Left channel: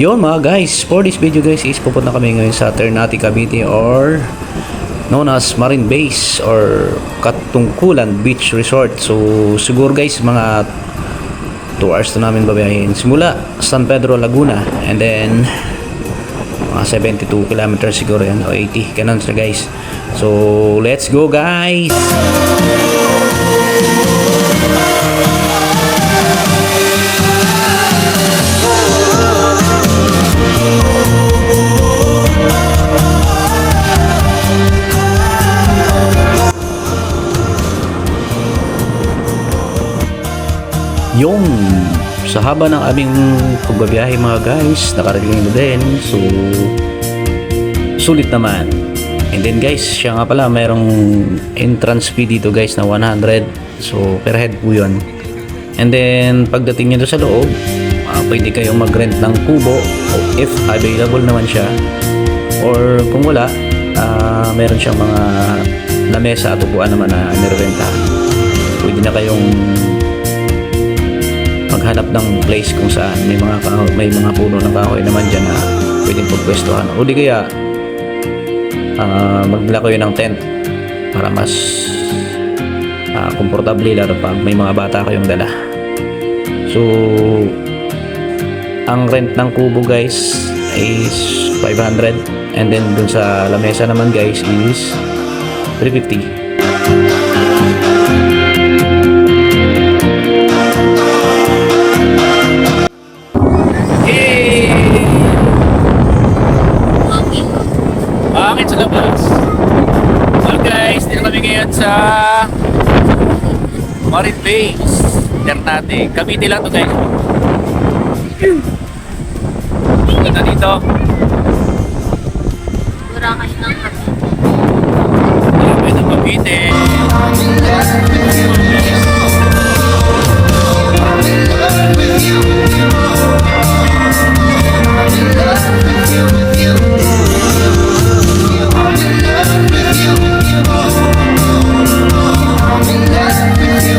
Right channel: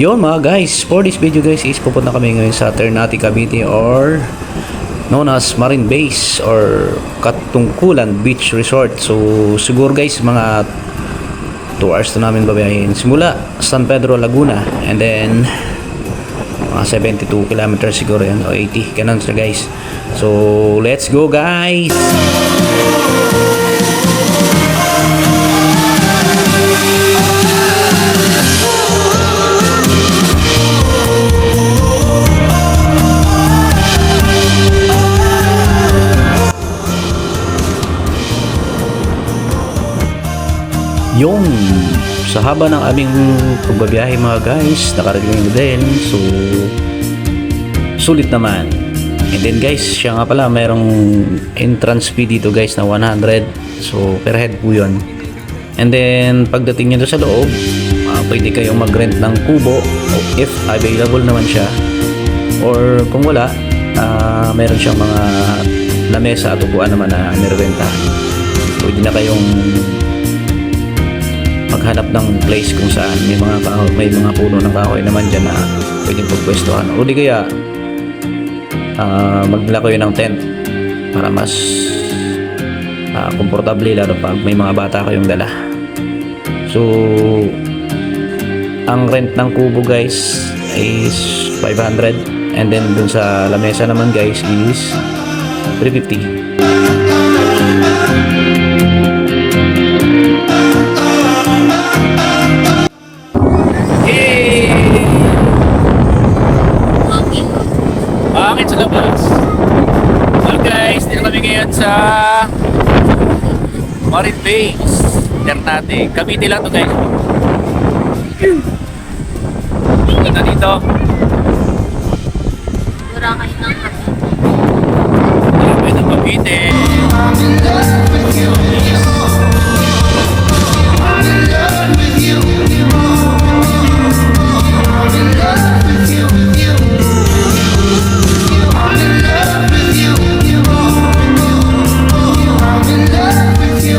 Yun mga guys, for this video guys is pupunta kami ngayon sa Ternate, Cavite or known as Marine Base or Katungkulan Beach Resort. So siguro guys mga 2 hours na namin babayahin simula San Pedro, Laguna, and then mga 72 kilometers siguro yan o 80, ganun sila guys. So let's go guys. Yung sa haba ng aming pagbabiyahe mga guys, nakarating na din. So sulit naman. And then guys, siya nga pala mayroong entrance fee dito guys na 100. So per head po yun. And then pagdating nyo sa loob, pwede kayong mag-rent ng kubo if available naman siya. Or kung wala, meron siyang mga lamesa at upuan naman na nirerentahan. Pwede na kayong maghanap ng place kung saan may mga puno ng kahoy naman dyan na pwedeng pagpwestuhan, o di kaya magdala kayo ng tent para mas komportable lalo pag may mga bata kayong dala. So ang rent ng kubo guys is 500, and then dun sa lamesa naman guys is 350. Bakit sa labas? So guys, dito kami ngayon sa Marine Base Ternate, Cavite lang to guys. Ganda dito. Boracay ng Cavite. Boracay ng Cavite. I'm in love with you. I'm in love with you. I'm in love with you, with you. I'm in love with you. I'm in love with you.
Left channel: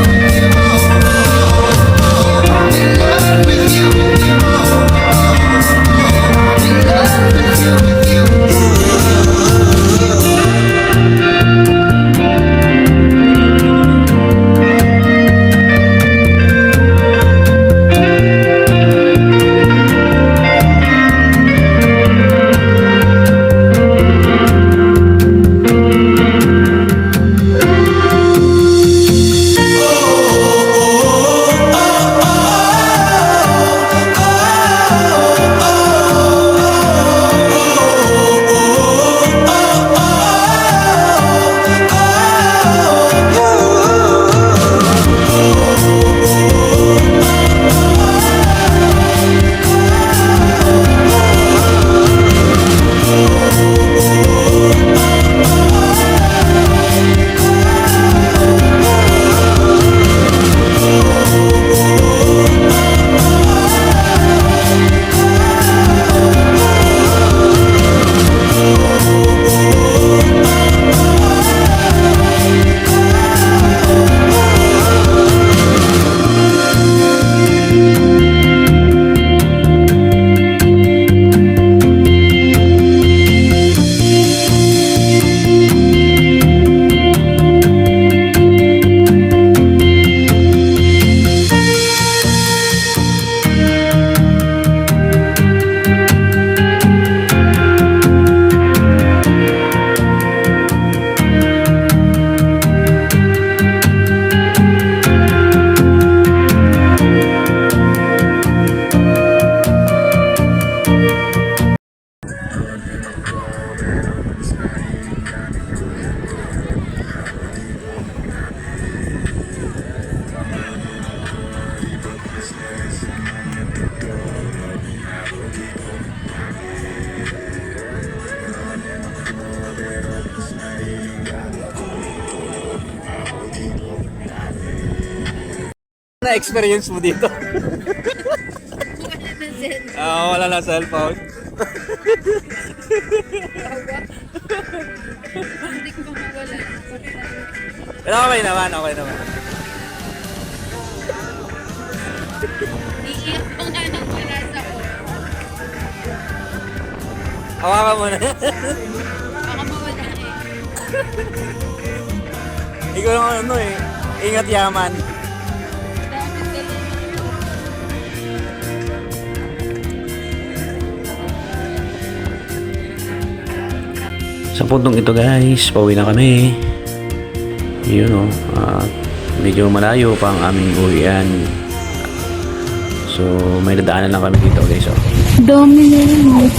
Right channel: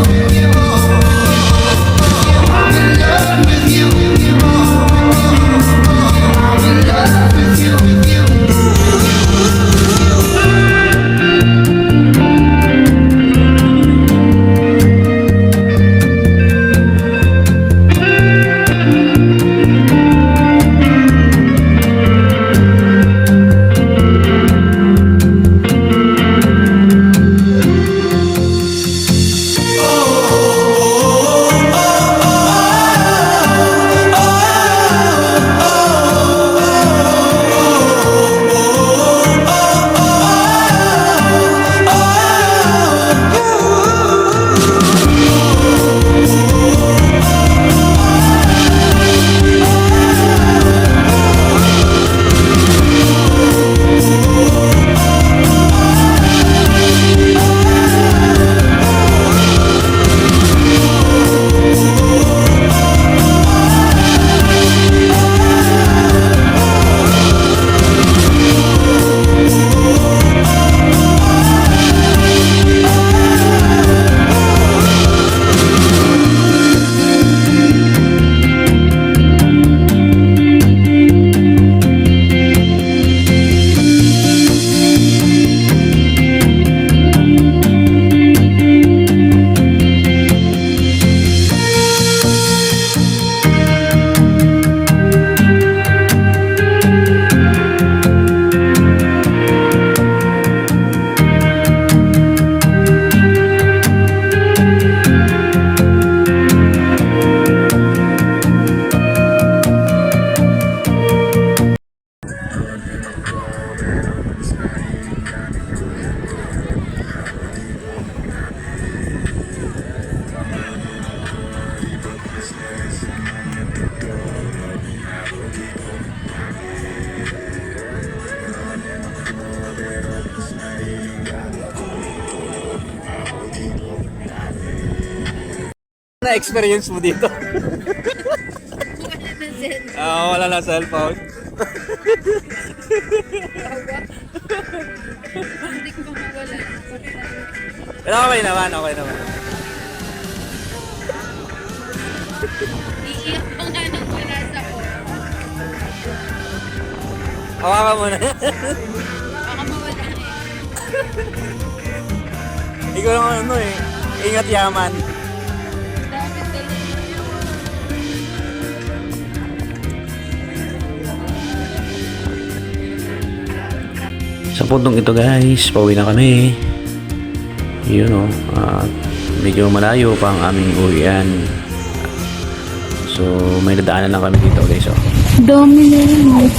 I'm in love with you. I'm in love with you, with you. Na experience mo dito? Wala na cellphone. Hindi ko mawala. Pero okay naman, okay naman. Iiyak pa nga ng palasa ko. Hawakan mo na. Baka mawala eh. Ikaw lang ano eh. Ingat yaman. Dapat galing. Sa puntong ito guys, pauwi na kami. Yun o. At medyo malayo pa ang aming uwian. So may dadaanan lang kami dito guys. Oh. Dami na yun.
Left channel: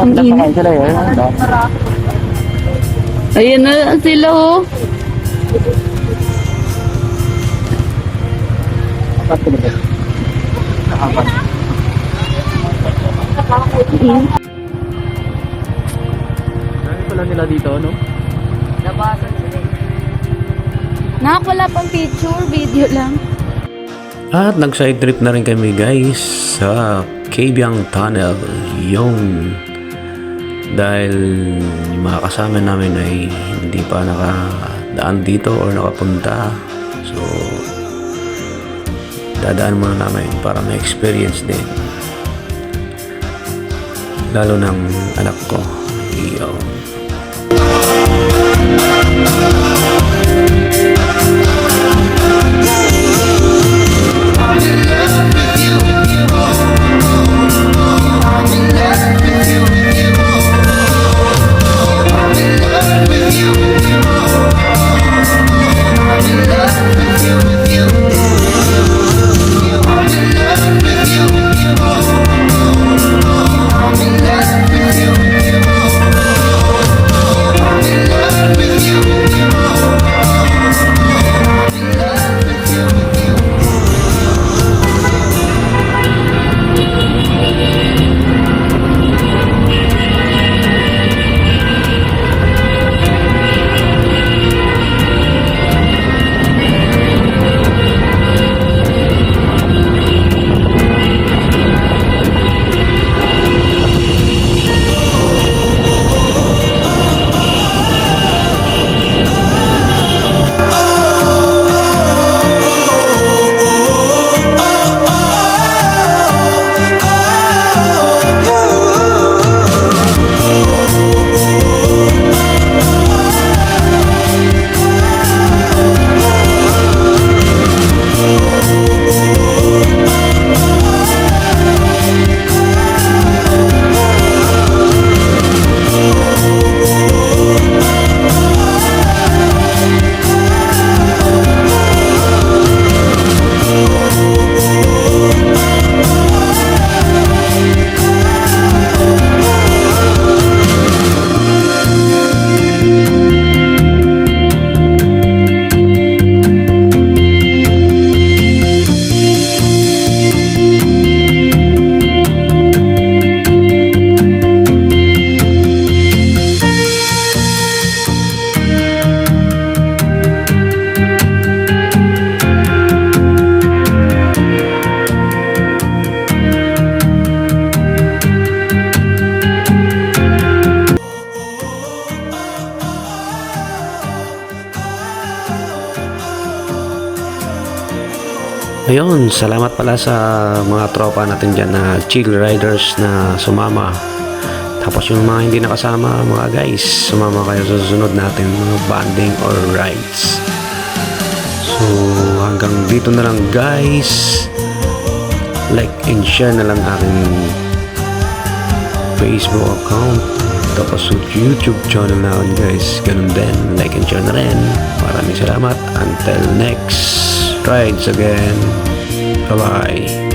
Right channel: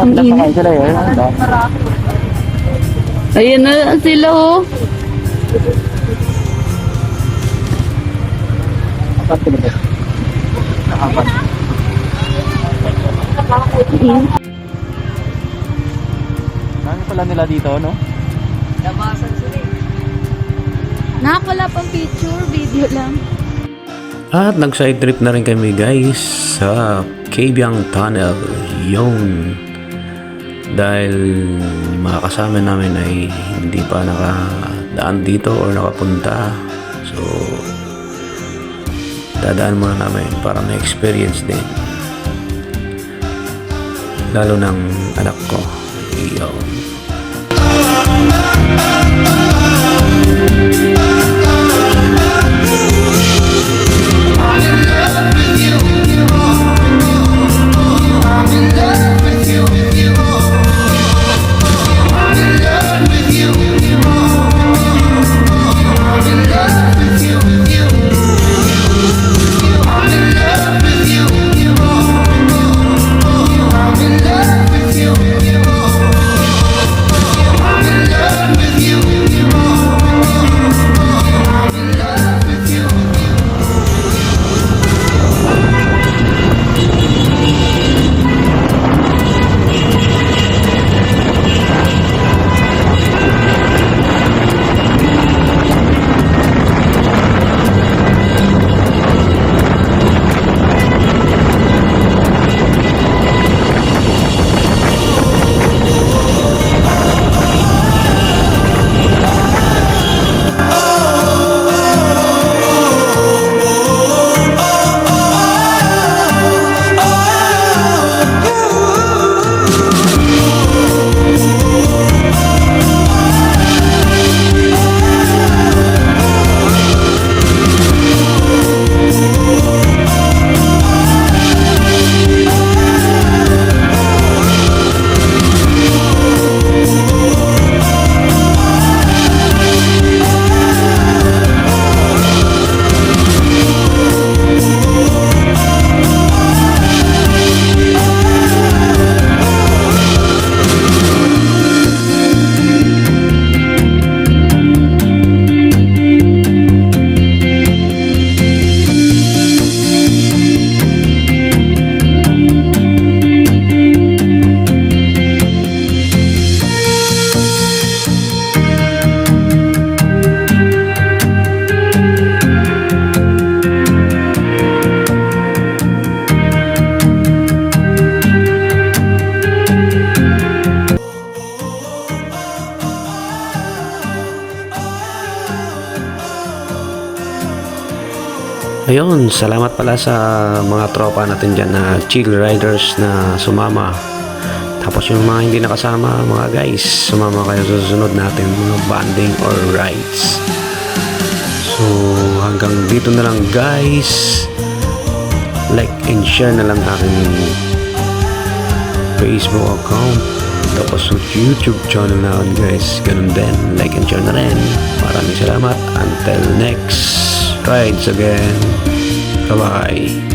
Ang init. Ayan na sila oh. Dami pala nila dito, no? Nakakawala pang picture, video lang. At nag-side trip na rin kami guys sa Kabyang Tunnel. Yung dahil yung mga kasama namin ay hindi pa nakadaan dito or nakapunta. So dadaan muna namin para may experience din. Lalo ng anak ko. Iyon. I'm in love with you. I'm in love with you. I'm in love with you. I'm in love with you. I'm in love with you. I'm in love with you. I'm in love with you. I'm in love with you. Ayun, salamat pala sa mga tropa natin dyan na chill riders na sumama. Tapos yung mga hindi nakasama, mga guys, sumama kayo sa susunod natin mga banding or rides. So hanggang dito na lang guys. Like and share na lang aking Facebook account. Tapos YouTube channel na ako guys. Ganun din, like and share na rin. Maraming salamat. Until next rides again. Bye-bye.